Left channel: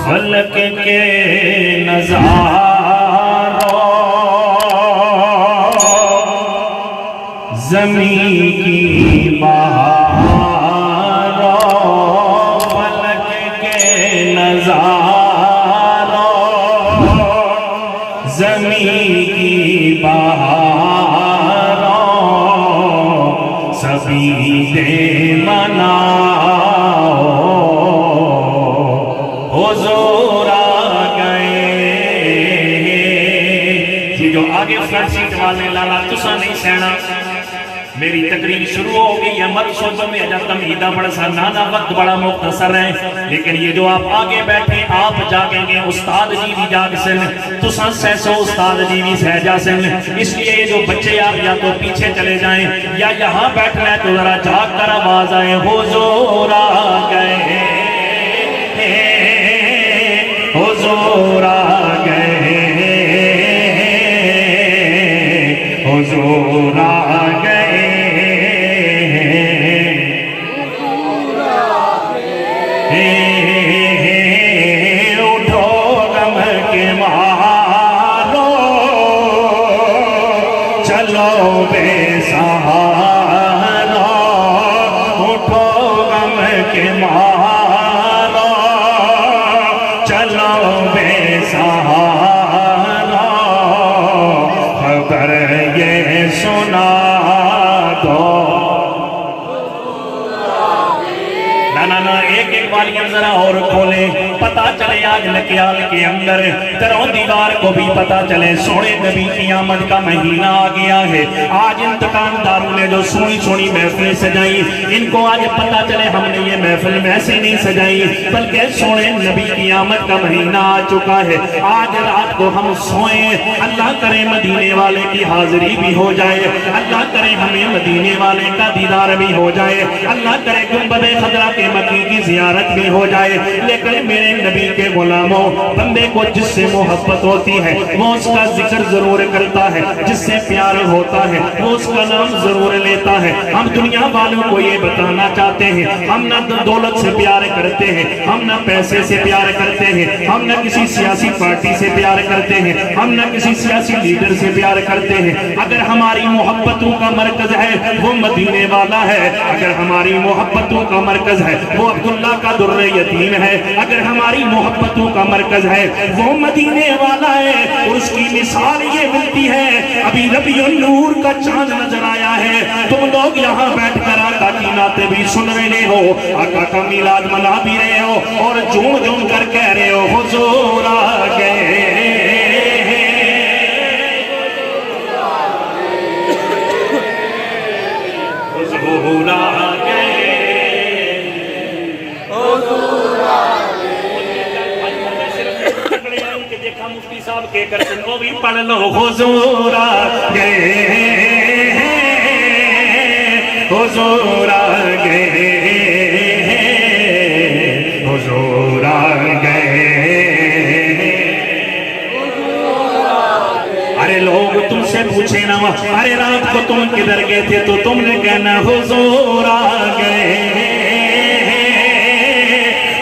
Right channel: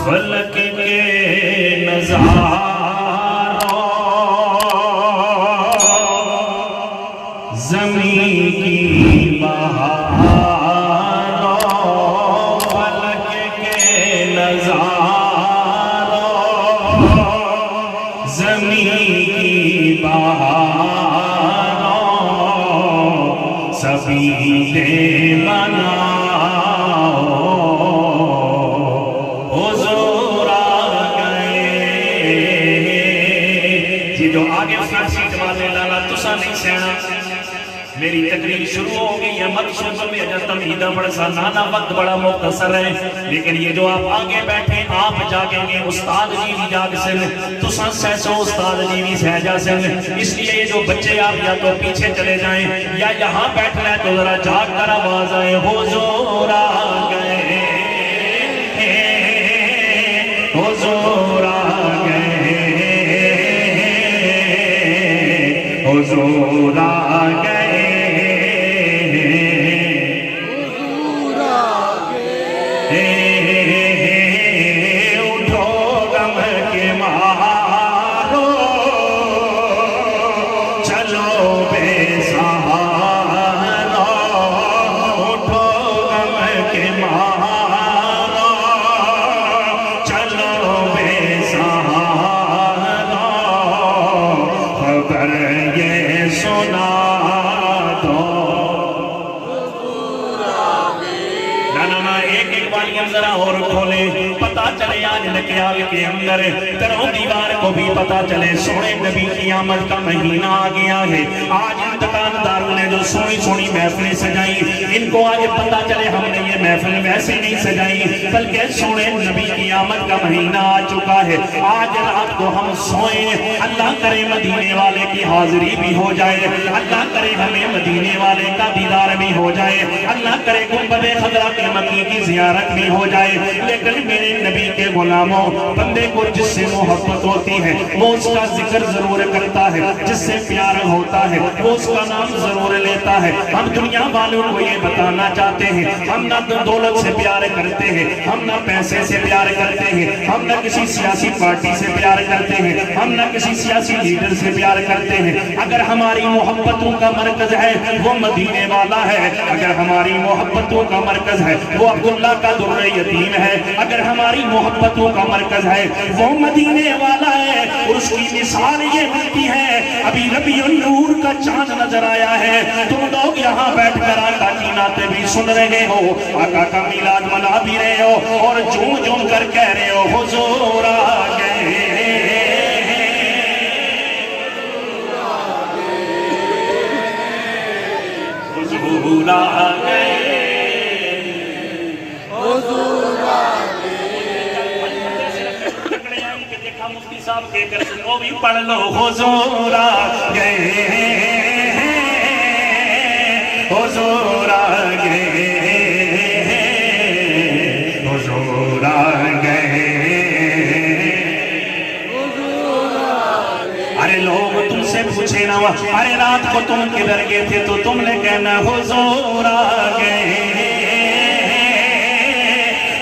फलक के नज़ारों ज़मीं की बहारों फलक के नज़ारों ज़मीं की बहारों सभी दे मनाओ हुज़ूर आ गए। जी जो आगे फ्रंट सीट वाले लाला तुसा नहीं सहना, मेरी तकरीर शुरू हो गई है, मत सुन बंदे अजर तमहीदा बड़ा सा नाना वक्त बड़ा मुख्तसर है, लेकिन ये जो आप आगे बैठे आप जागेंगे, उस्ताद जी भी जाग सन, तुसा सहसो उस्ताद जी भी सह जा सन। इसलिए ये जो बच्चे आप या तो पीछे चले जाएं या यहाँ बैठना है तो जरा जाग कर आवाज आए हुज़ूर आ गए, हुज़ूर आ गए, हुज़ूर आ गए। उठो गम के मारो चलो बेसहारा, उठो गम के मारो चलो बेसहारा, खबर ये सुना दो। ना एक एक वालियां जरा और खोले, पता चले आज लकियाल के अंदर तेरों दीवार को भी पता चले सोने नबी की आमद का महीना आ गया है। आज इन दुकानदारों ने जो सोनी सोनी महफिल सजाई, इनको आज पता चले हमने ये महफिल ऐसे नहीं सजाई बल्कि सोने नबी की आमद का महीना आ चुका है। आज रात को हम सोए, अल्लाह करे मदीने वाले की हाजिरी भी हो जाए, अल्लाह करे हमें मदीने वाले का दीदार भी हो जाए, अल्लाह करे गुंबदे खजरा के मकी की जियारत भी हो जाए। लेकिन मेरे नबी के गुलामों, बंदे को जिससे मोहब्बत होती है वो उसका जिक्र जरूर करता है, जिससे प्यार होता है वो उसका नाम जरूर लेता है। हम दुनिया वालों को ये बताना चाहते हैं हम ना दौलत से प्यार करते हैं, हम ना पैसे से प्यार करते हैं, हम ना किसी सियासी पार्टी से प्यार करते हैं, हम ना किसी सियासी लीडर से प्यार करते हैं। अगर हमारी मोहब्बतों का मरकज है वो मदीने वाला है, अगर हमारी मोहब्बतों का मरकज है वो अब्दुल्ला का दुर्र यतीम है, अगर हमारी मोहब्बतों का मरकज है वो मदीने वाला है। और उसकी मिसाल ये मिलती है, अभी रबीउन नूर का चांद नजर आया है, तुम लोग यहाँ बैठकर आका की नाते भी सुन रहे हो, आका का मिलाद मना भी रहे हो और झूम झूम कर कह रहे हो हुज़ूर आ गए, हुज़ूर आ गए। देखा मुफ्ती साहब के करते वो भी पढ़ लो हुज़ूर आ गए, हुज़ूर आ गए, हुज़ूर आ गए। अरे लोग तुमसे पूछे ना अरे रात को तुम किधर गए थे तो तुमने कहना हुज़ूर आ गए,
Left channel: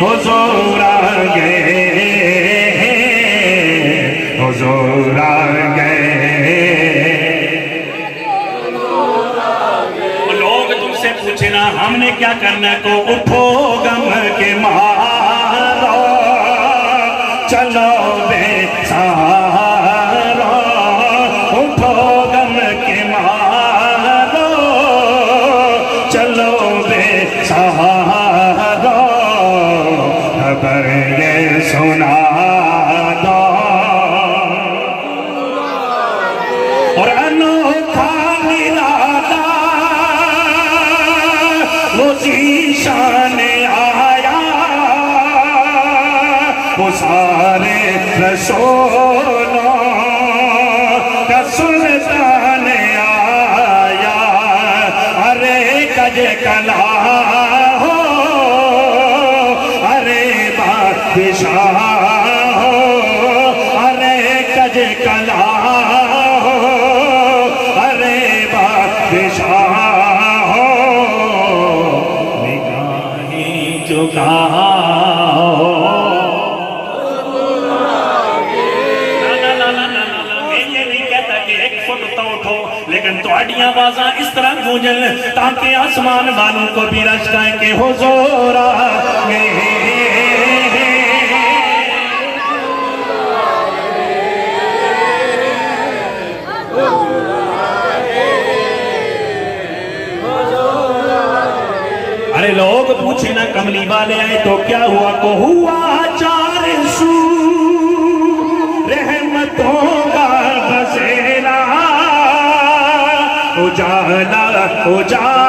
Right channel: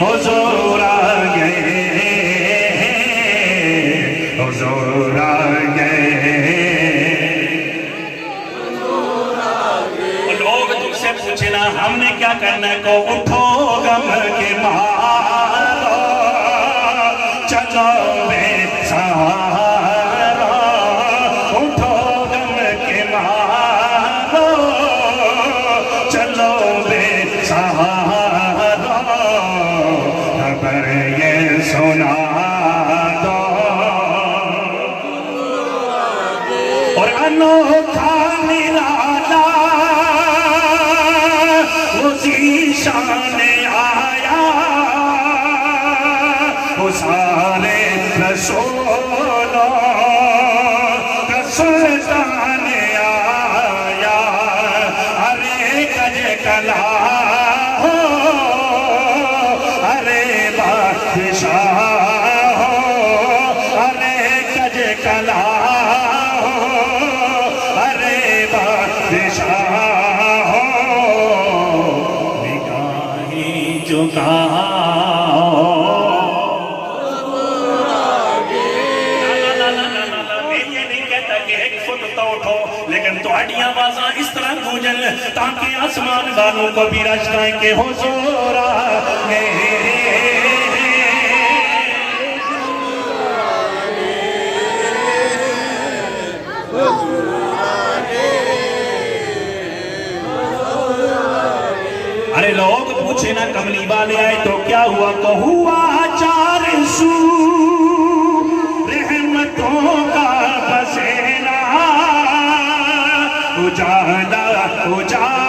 हुज़ूर आ गए, हुज़ूर आ गए। लोग तुमसे पूछे ना हमने क्या करना को उठो गम के मारो चलो बेसहारा, उठो गम के मारो चलो बेसहारा, खबर ये सुना दो। और अनोखा निराला वो ज़ीशान आया, वो सारे रसूलों का सुल्तान आया। अरे कज कला हो, अरे बादशाह हो, अरे कज कला तुहाडियां आवाज़ां इस तरह गूंजन ताकि आसमान वालों को भी रश्काएं के हुजूर अरे लोग पूछे ना कमली वाले आए तो क्या हुआ को हुआ 400 रहमतों का बसेरा उजाला उजाला